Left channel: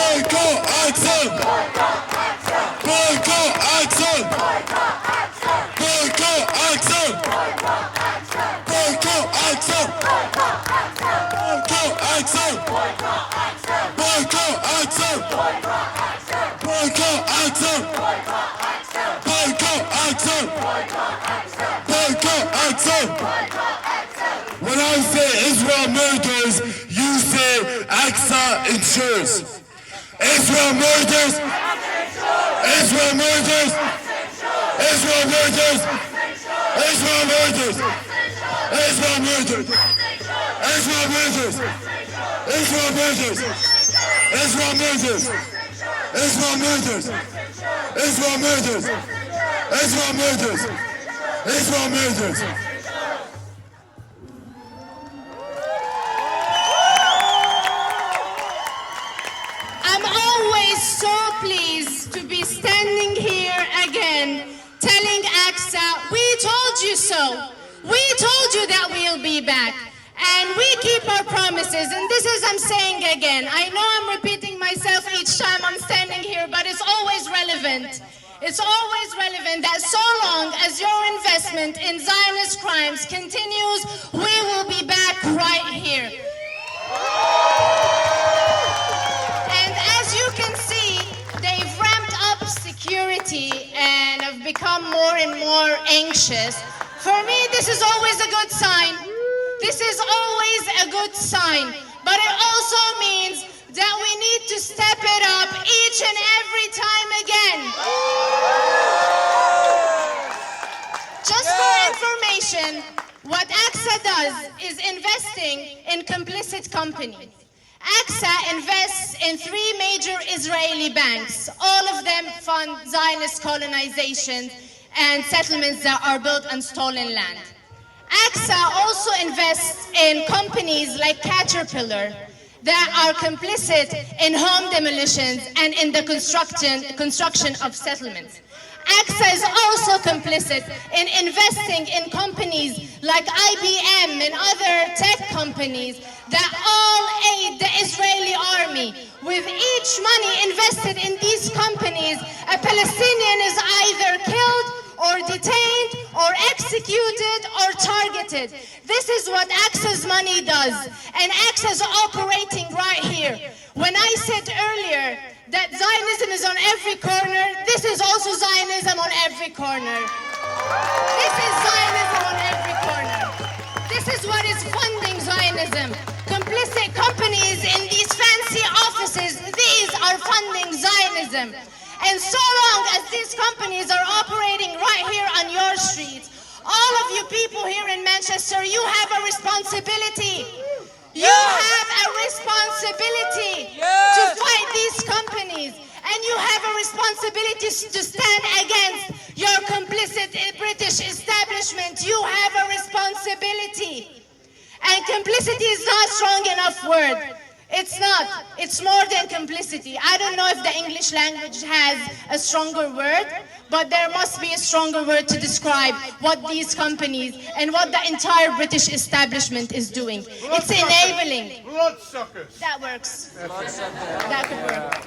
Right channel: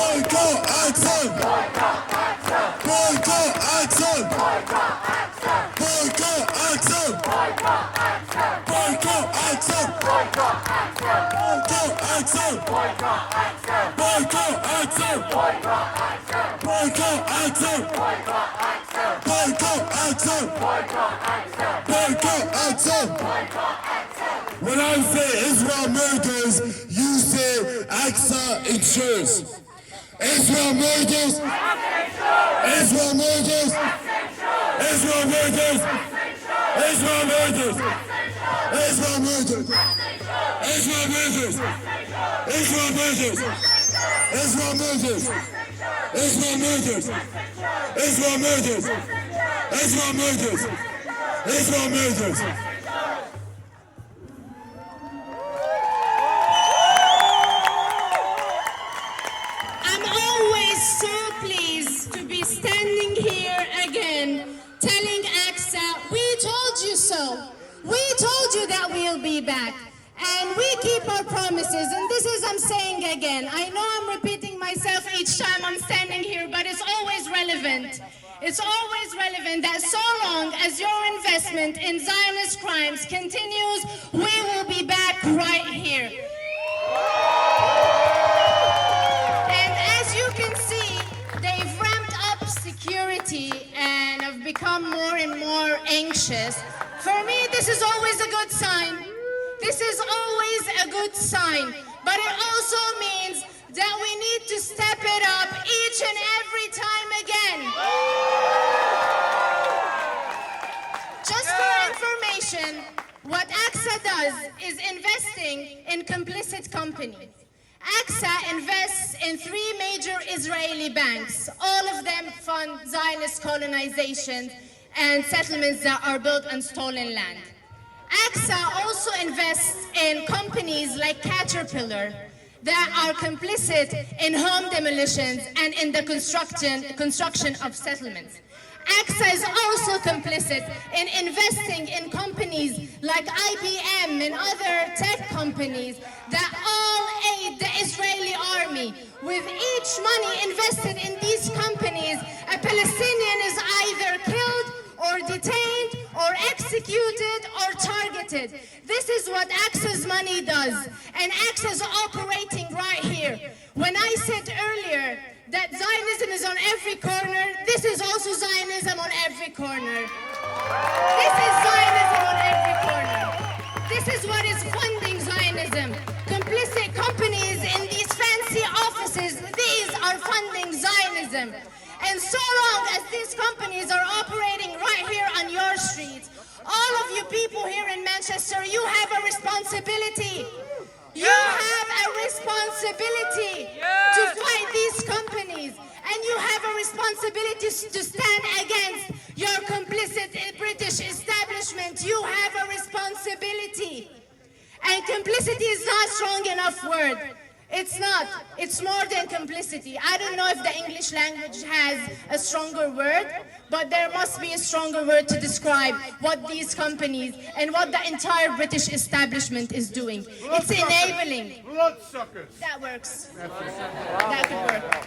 Boycott action! Boycott action! Boycott action! Boycott action! Boycott action! Boycott action! Boycott action! Boycott action! Boycott action! When I say Israel murders, you say AXA ensures. Israel murders! Israel murders! Israel murders! Israel murders! Israel murders! Israel murders! Israel murders! Israel murders! Israel murders! Israel murders! Israel murders! Israel murders! I'm always so pleased to be standing here again, telling AXA, we told you so. We told you that we'll be back. And we keep our promises. And this is, I'm saying again, I know I'm repeating myself each time I'm standing here, but it's always relevant. It's always relevant that so long as your investment in Zionist crimes continues, we will be back right here. And as you can see, they've ramped up security and have become more and more anxious. For me, this is always a good sign. This is always a good sign. But it also means that we need to step it up each and every time again. Just for information, what AXA does is investing in complicit companies. AXA invests in 3 major Israeli banks. All of them fund Zionist colonization and settlements that are built on stolen land. AXA also invests in companies like Caterpillar that are complicit in home demolitions and in the construction of settlements. AXA is also complicit in investing in companies like IBM and other tech companies that all aid the Israeli army. With each money invested in these companies, a Palestinian is either killed or detained or executed or targeted. This is what AXA's money does. And AXA is operating right here. When I said earlier that Zionism is on every corner, this is also Zionism on every corner. This is Zionism on every corner. This is what is funding Zionism. Complicit companies in these fancy offices, these are funding Zionism. And so long as these companies are operating right here on your streets, all of you people here in Manchester, you have a responsibility. You have a responsibility to fight these companies. And you have a responsibility to stand against your complicit British establishment. You have a responsibility. And complicity is not a strong enough word. It's not. It's more than complicity. I don't know if the English language has a stronger word, but there must be a stronger word to describe what these companies and what the entire British establishment is doing. It's enabling. Bloodsuckers. That works. That could work.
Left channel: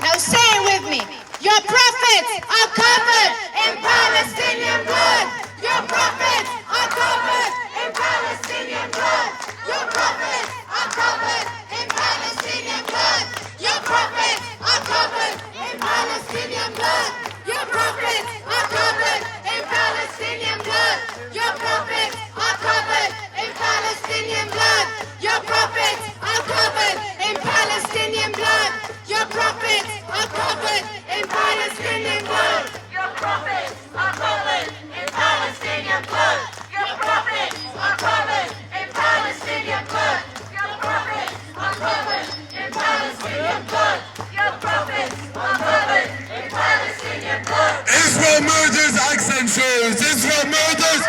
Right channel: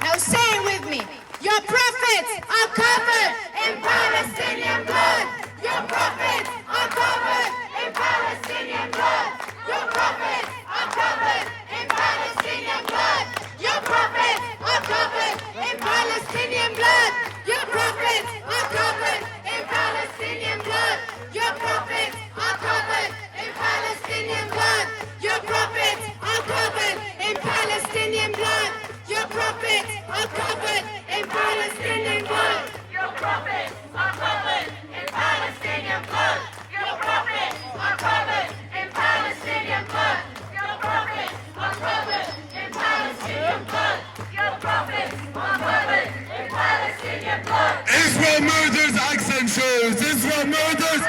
Now say it with me. Your prophets are covered in Palestinian blood. Your prophets are covered in Palestinian blood. Your prophets are covered in Palestinian blood. Your prophets are covered in Palestinian blood. Your prophets are covered in Palestinian blood. Your prophets are covered in Palestinian blood. Your prophets are covered in Palestinian blood. Your prophets are covered in Palestinian blood. Your prophets are covered in Palestinian blood. Your prophets are covered in Palestinian blood. Your prophets are covered in Palestinian blood. Your prophets are covered in Palestinian blood. Israel murders, accent shows. Israel murders,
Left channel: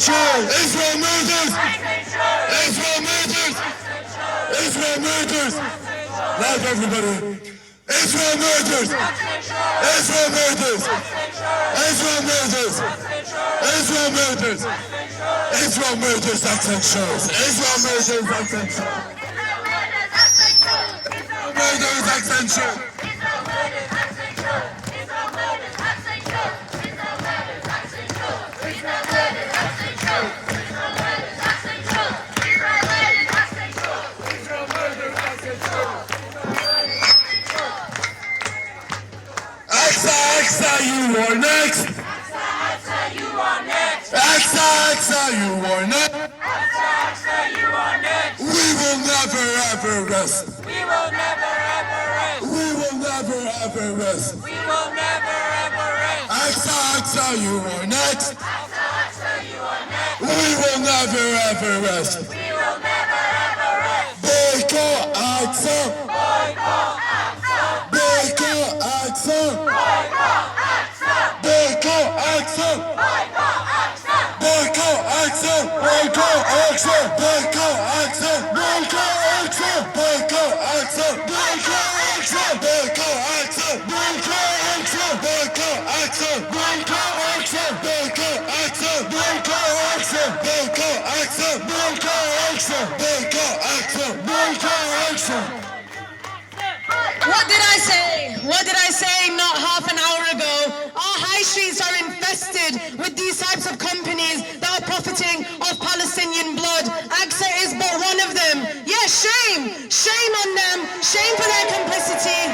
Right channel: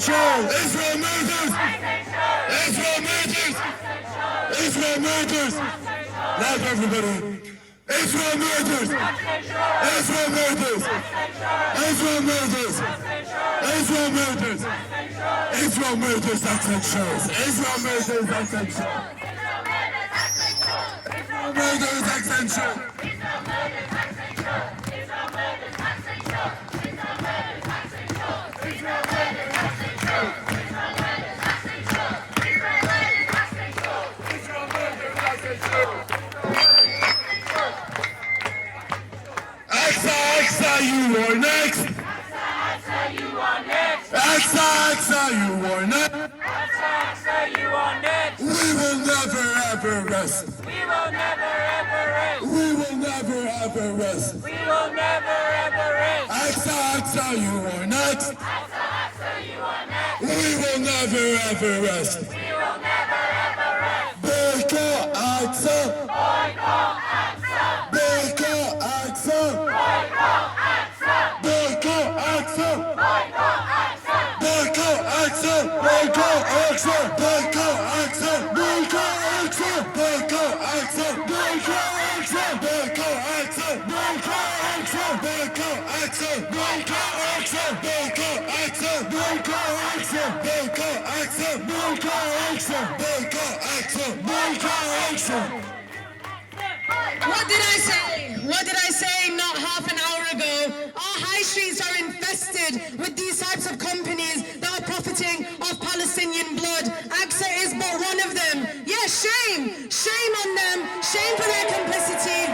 shows. Israel murders, Israel murders, Israel murders. Loud everybody. Israel murders! Israel murders! Israel murders! Israel murders! Israel murders accent shows! Israel murders accent shows! Israel murders accent shows! Aqsa, you are next! Aqsa, you are next. Aqsa, you are next! Aqsa, you are next. We will never ever rest! We will never ever rest. We will never ever rest! We will never ever rest. Aqsa, you are next! Aqsa, you are next. We will never ever rest! We will never ever rest. Boycott Aqsa! Boycott Aqsa. Boycott Aqsa! Boycott Aqsa. Boycott Aqsa! Boycott Aqsa. Boycott Aqsa! Boycott Aqsa! Boycott Aqsa! Boycott Aqsa! Boycott Aqsa! Boycott Aqsa! Boycott Aqsa! Boycott Aqsa! Boycott Aqsa! Boycott Aqsa! Boycott Aqsa! Boycott Aqsa! Boycott Aqsa! Boycott Aqsa! Boycott Aqsa! Boycott Aqsa! What did I say? What did I say not half an hour ago? Our high streets are infested with these types of companies that are profiting off Palestinian blood. Aqsa is but one of them. Yes, shame. Shame on them. Shame for their complicity.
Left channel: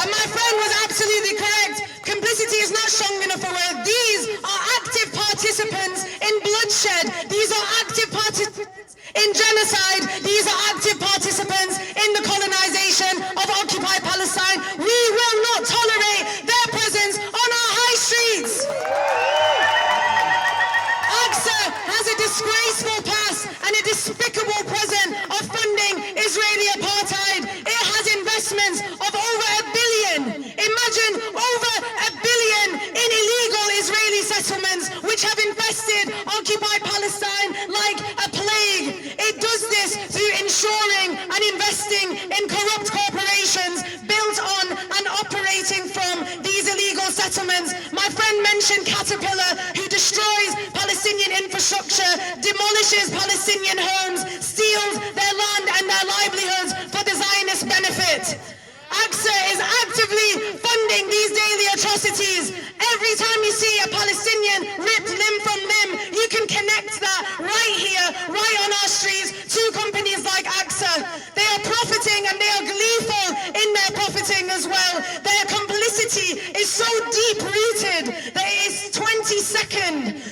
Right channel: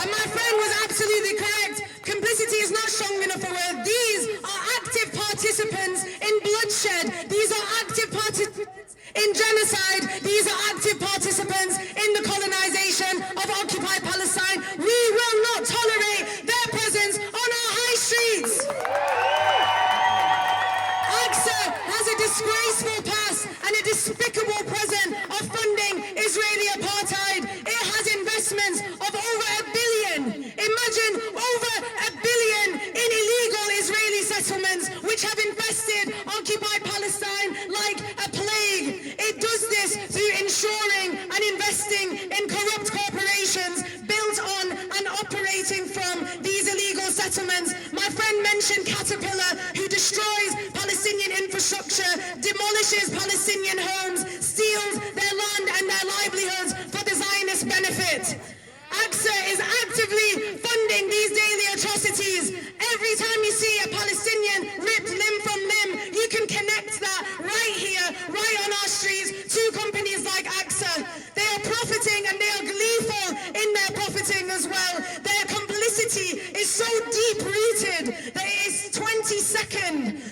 And my friend was absolutely correct. Complicity is not strong enough for work. These are active participants in bloodshed. These are active participants in genocide. These are active participants in the colonization of occupied Palestine. We will not tolerate their presence on our high streets. Aqsa has a disgraceful past and a despicable present of funding Israeli apartheid. It has investments of over $1 billion. Imagine over $1 billion in illegal Israeli settlements which have infested occupied Palestine like a plague. It does this through ensuring and investing in corrupt corporations built on and operating from these illegal settlements. My friend mentioned Caterpillar, who destroys Palestinian infrastructure, demolishes Palestinian homes, steals their land and their livelihoods for the Zionist benefit. Aqsa is actively funding these daily atrocities. Every time you see a Palestinian ripped limb from limb, you can connect that right here, right on our streets, to companies like Aqsa. They are profiting and they are gleeful in their profiting as well. Their complicity is so deep-rooted that it is 22nd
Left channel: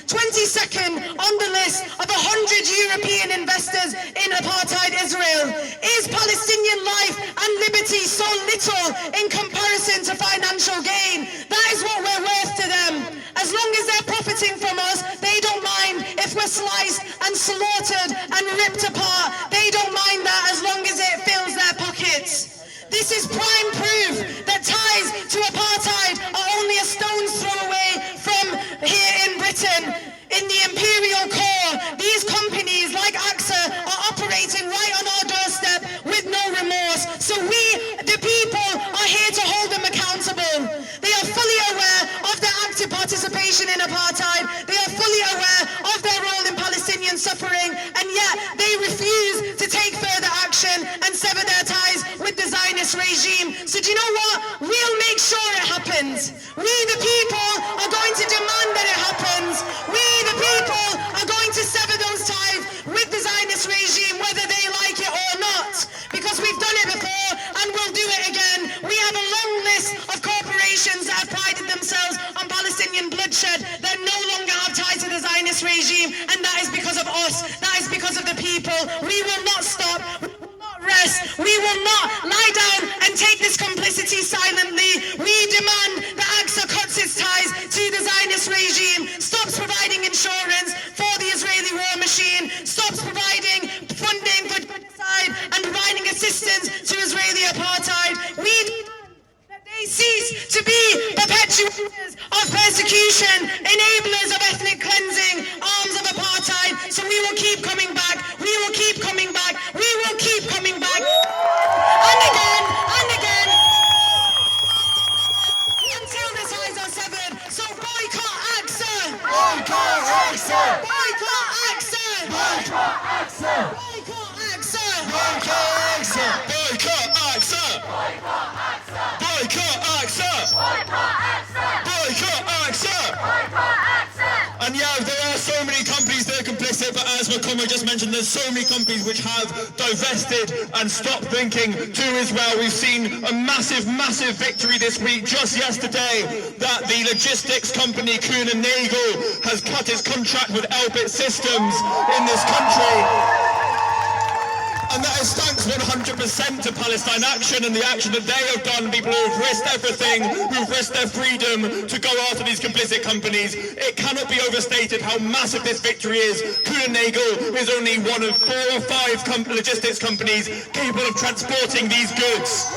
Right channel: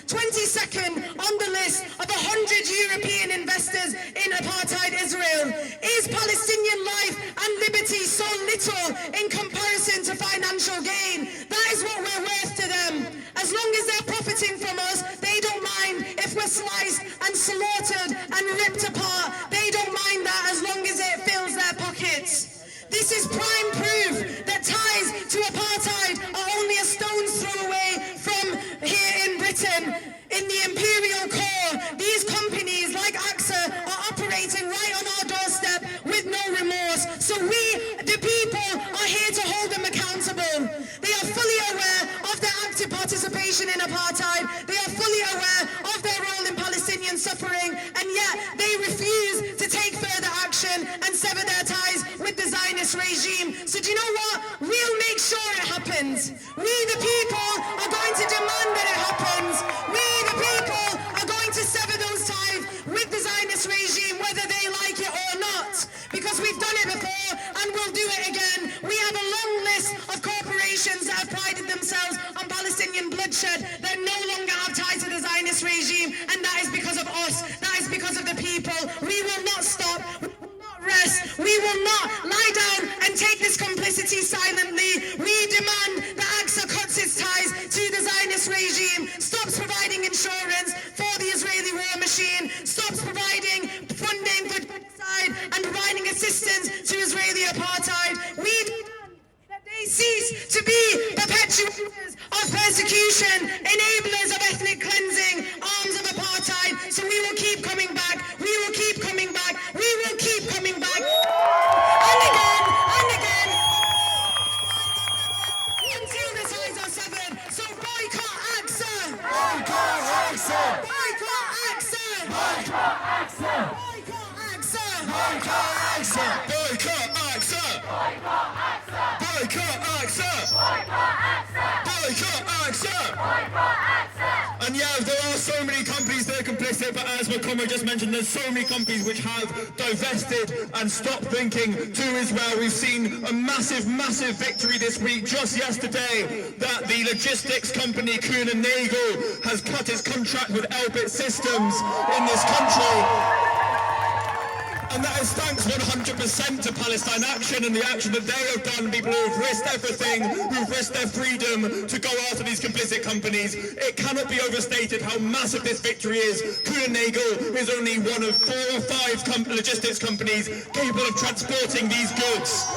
on the list of 100 European investors in apartheid Israel. Is Palestinian life and liberty so little in comparison to financial gain? That is what we're worth to them. As long as they're profiting from us, they don't mind if we're sliced and slaughtered and ripped apart. They don't mind that as long as it fills their pockets. This is prime proof that ties to apartheid are only a stone's throw away from here in Britain. In the imperial core, these companies like Aqsa are operating right on our doorstep with no remorse. So we, the people, are here to hold them accountable. They are fully aware of their active participation in apartheid. They are fully aware of their role in Palestinian suffering, and yet they refuse to take further action and sever their ties with the Zionist regime. So do you know what? We'll make sure it happens. We, the people, are going to demand that it happens. We, the people, are going to sever those ties with the Zionist regime, whether they like it or not. Because we've done it before and we'll do it again. We have a long list of corporations that have prided themselves on Palestinian bloodshed that no longer have ties to the Zionist regime, and that is because of us. That is because of the people. We will not stop. We will not rest. We will not lie down and take this complicity silently. We demand that Aqsa cuts its ties to the Zionist regime, stops providing insurance for the Israeli war machine, stops providing funding for genocide and providing assistance to Israeli apartheid. We demand that they cease to be perpetuators of persecution, enablers of ethnic cleansing, arms of apartheid. So we will keep coming back. We will keep coming back. We will keep coming back. And again, and again. Boycott AXA! Boycott AXA! Boycott AXA! And yeah, there are so many companies that are complicit, but as my comrade just mentioned, there's so many companies which have divested and stopped linking to Israel. We've seen a massive, massive victory this week, just yesterday, that the logistics company Kuhn & Nagel has cut its contract with Elbit Systems in this country. And that is thanks 100% to Palestine Action and the action that they have done. People who have risked everything, who've risked their freedom to go after these complicit companies. It cannot be overstated how massive this victory is. Kuhn & Nagel is only one of 4 or 5 logistics companies capable of transporting these goods.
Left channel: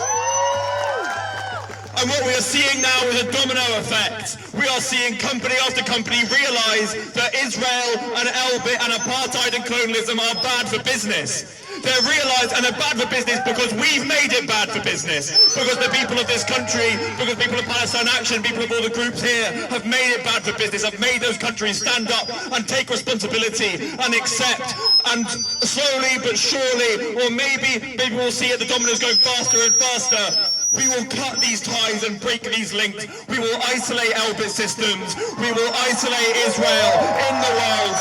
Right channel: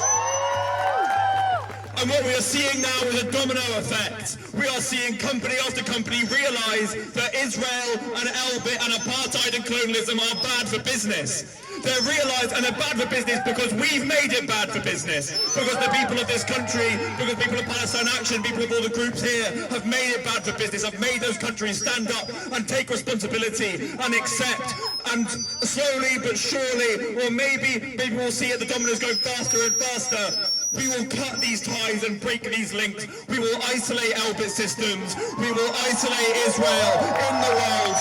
And what we are seeing now is a domino effect. We are seeing company after company realise that Israel and Elbit and apartheid and colonialism are bad for business. They've realised, and they're bad for business because we've made it bad for business. Because the people of this country, because people of Palestine Action, people of all the groups here have made it bad for business, have made those countries stand up and take responsibility and accept. And slowly but surely, or maybe we'll see it, the dominoes going faster and faster. We will cut these ties and break these links. We will isolate Elbit Systems. We will isolate Israel in the world.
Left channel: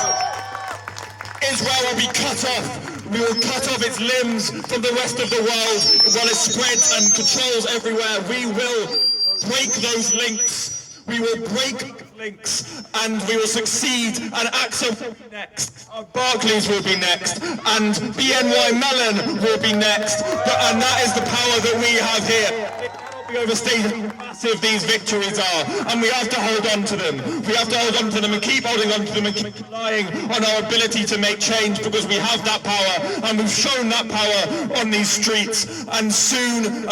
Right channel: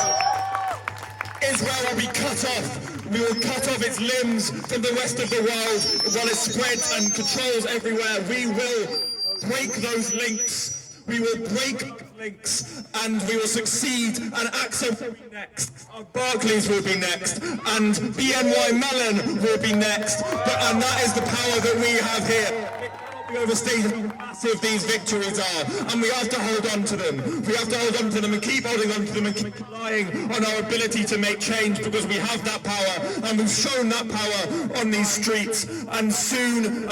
Israel will be cut off. We will cut off its limbs from the rest of the world while it spreads and controls everywhere. We will break those links. We will break links and we will succeed, and AXA will be next, Barclays will be next, and BNY Mellon will be next, and that is the power that we have here. It cannot be overstated how massive these victories are, and we have to hold on to them. We have to hold on to them and keep holding on to them and keep relying on our ability to make change, because we have that power, and we've shown that power on these streets, and soon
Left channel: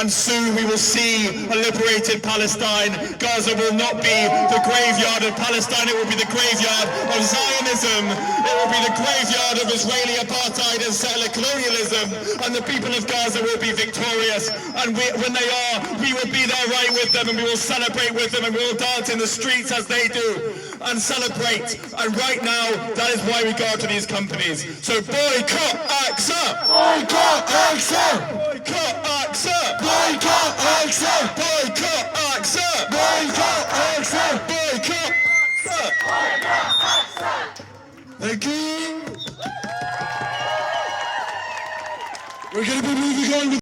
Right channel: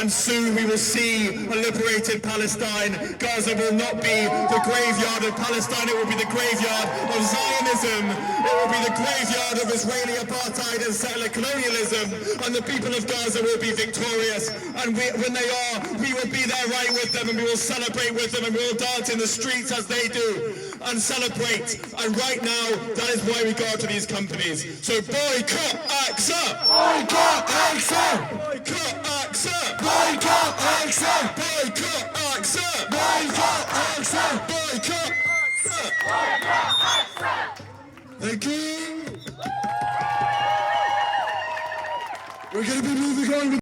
we will see a liberated Palestine. Gaza will not be the graveyard of Palestine, it will be the graveyard of Zionism, it will be the graveyard of Israeli apartheid and settler colonialism, and the people of Gaza will be victorious, and when they are, we will be there right with them, and we will celebrate with them, and we will dance in the streets as they do, and celebrate. And right now, that is why we go out to these companies. So boycott AXA! Boycott AXA! Boycott AXA! Boycott AXA! Boycott AXA! Boycott AXA! Boycott AXA! Thank you. We're going to be moving on.